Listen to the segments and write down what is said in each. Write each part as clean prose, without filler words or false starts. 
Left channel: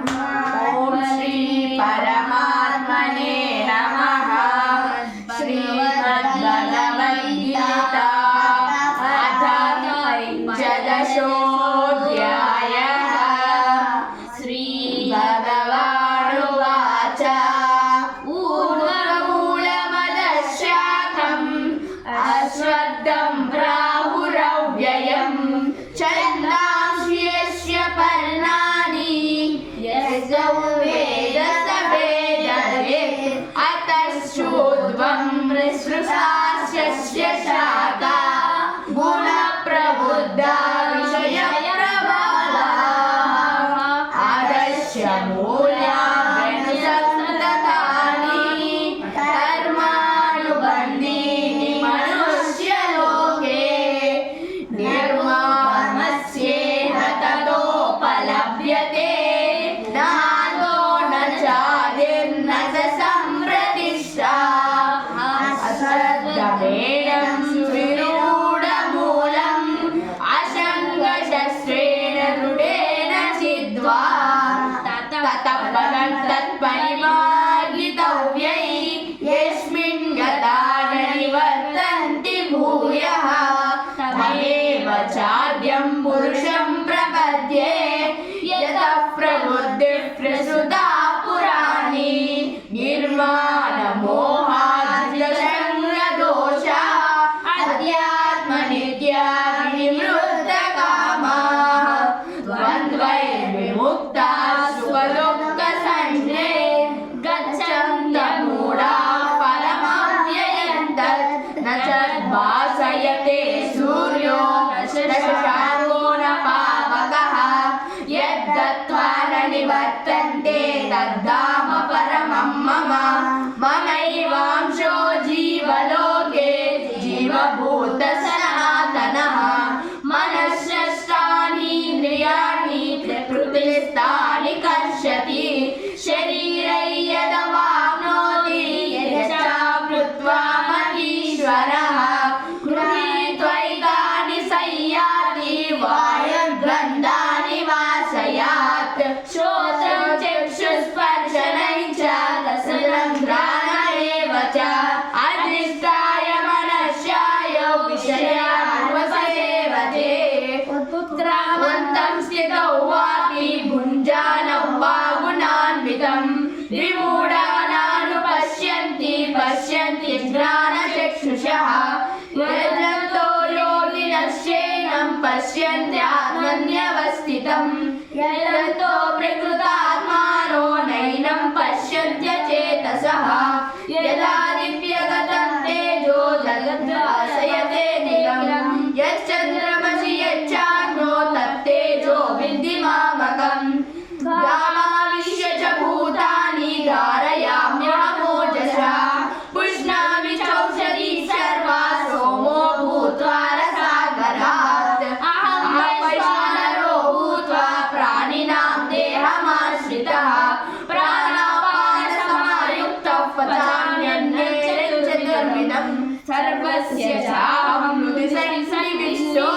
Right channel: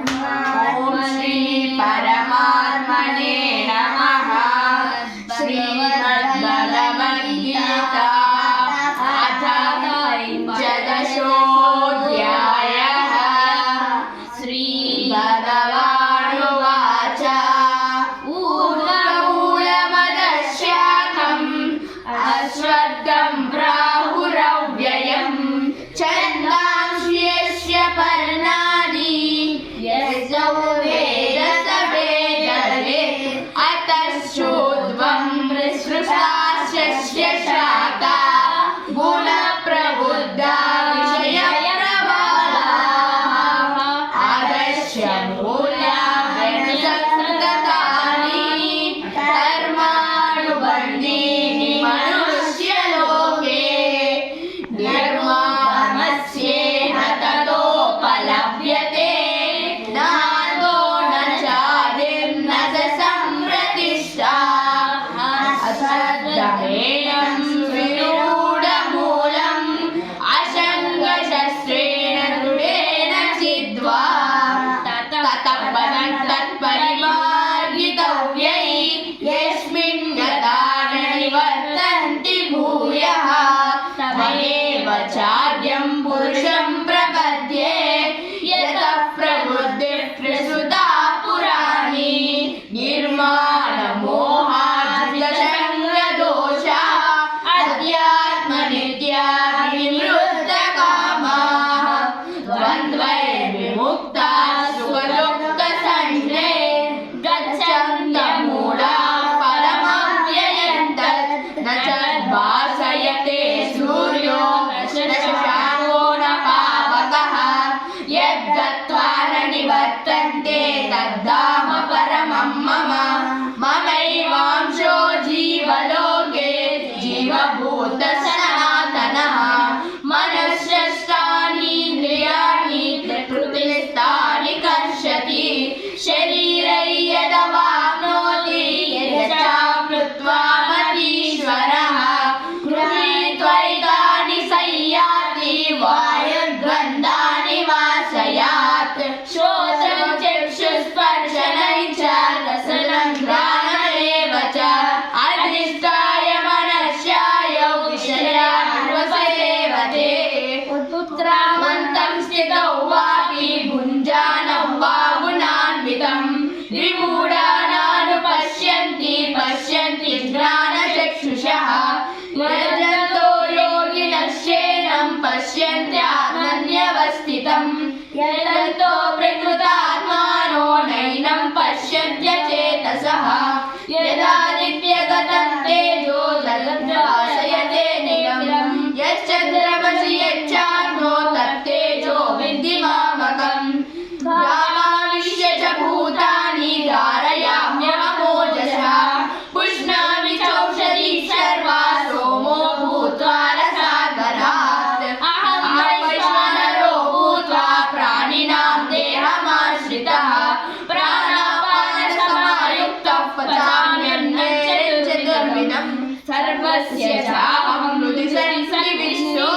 ओम श्री परमात्मने नमः। श्रीमद्भगवद्गीता अथ पंचदशोऽध्यायः। श्रीभगवानुवाच ऊर्ध्वमूलमदशाकम् अश्वत्थं प्राहुरव्ययम् छन्दांस्यस्य पर्णानि यस्य वेदस वेदवेत् अतश्चोर्ध्वं सृष्टास्य शाखा गुणप्रबुद्धा विषयप्रवालाः आदस्य मूल्यानि संस्कृतानि कर्मानुबन्धीनि मनुष्यलोके निर्माणस्येह ततोपलभ्यते नादो न चादिर्न च सम्प्रतिष्ठा असद्धमेयं विरूढमूलम् असङ्गशस्त्रेण दृढेन छिद्वा ततः पदं तत्परिमार्गितव्यै यस्मिन् यथा न निवर्तन्ति भूयः तमेव चाद्यं पुरुषं प्रपद्ये यतः प्रवृत्तिः प्रसृता पुराणी निर्माणमोहाजितसंगदोषा अध्यात्मनित्या विवृद्धकामाः द्वन्द्वैर्विमुक्ताः सुखदुःखसंज्ञे गच्छन्त्यमूढाः परमव्ययं तत् न च भासयते सूर्यो न शशाङ्को न पावकः यद्गत्वा न निवर्तन्ते तद्धाम परमं मम ममैवांशो जीवलोके जीवभूतः सनातनः मनःषष्ठानीन्द्रियाणि प्रकृतिस्थानि कर्षति शरीरै यदवाप्नोति यच्चाप्लुत्वा मतीश्वरः गृहीत्वैतानि संयाति वायुर्गन्धानि वासयात् श्रोत्रं चक्षुस्पर्शनं च रसनं घ्राणमेव च अधिष्ठाय मनश्चायो विषयान्वसेवते उत्क्रामन्तं स्थितौ वापि भुञ्जानं वा गुणान्वितं विमूढानानुपश्यन्ति पश्यन्ति ज्ञानचक्षुषः यजन्तो योगिनश्चैनं पश्यन्त्यात्मन्यवस्थितं यजन्तो प्रकृतात्मानो नैनं पश्यन्त्यचेतसः यदादित्यगतं तेजो जगद्भासयते नियमं यच्चन्द्रमसि यच्चाग्नो तत्तेजो विद्धि मामकम् गामाविश्य च भूतानि धारयाम्यहमोजसा पुष्णामि चौषधी सर्वा सोमो भूत्वा रसागरात् अहं वैश्वानरो भूत्वा प्राणिनां देहमाश्रितः प्राणापानसमायुक्तः पचाम्यन्नचतुर्विधं सर्वस्य चाहं हृदि विश्वो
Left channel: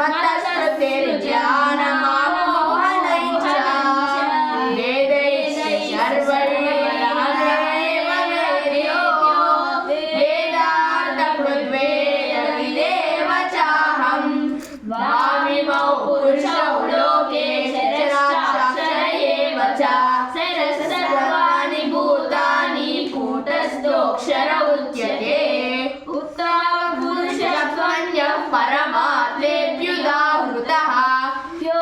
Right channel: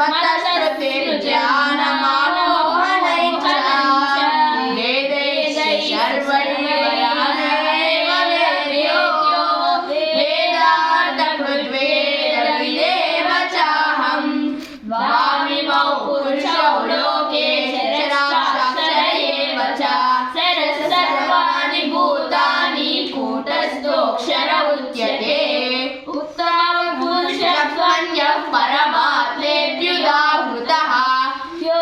मत्तस्तेरुज्ञानमामोहनै च वेदैः सर्वैर्वेदैर्वेद्यो वेदान्तकृद्वेदविदेव चाहं वामिमौ पुरुषौ लोके शरश्चाक्षर एव च शरः सर्वाणि भूतानि कूटस्थोऽक्षर उच्यते उत्तमपुरुषत्वन्यः परमात्मेऽप्युदाहृतः यो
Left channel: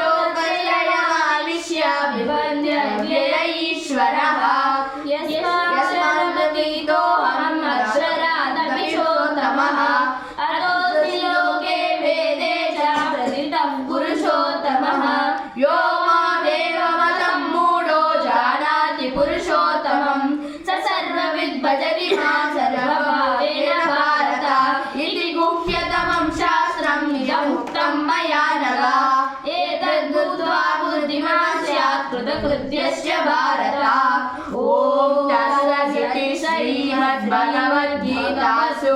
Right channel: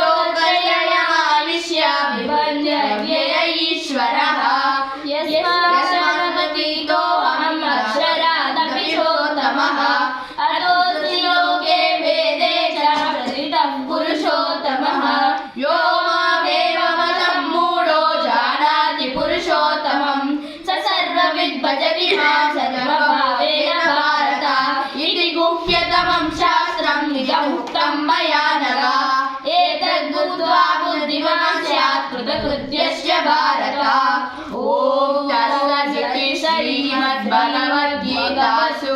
लोकत्रयमाविश्य बिभर्त्य ईश्वरः यस्मादतीतोऽहम् अक्षरादपि चोत्तमः अतोऽस्मि लोके वेदे च प्रथितः पुरुषोत्तमः यो मामेवमतं मूढो जानाति पुरुषोत्तमं स सर्वविद् भजति मां सर्वभावेन भारत इति गुह्यतमं शास्त्रं निजमुक्तं मया नघ एतद्बुद्ध्वा बुद्धिमान् स्यात् कृतकृत्यश्च भारत। ॐ तत्सदिति श्रीमद्भगवद्गीतासु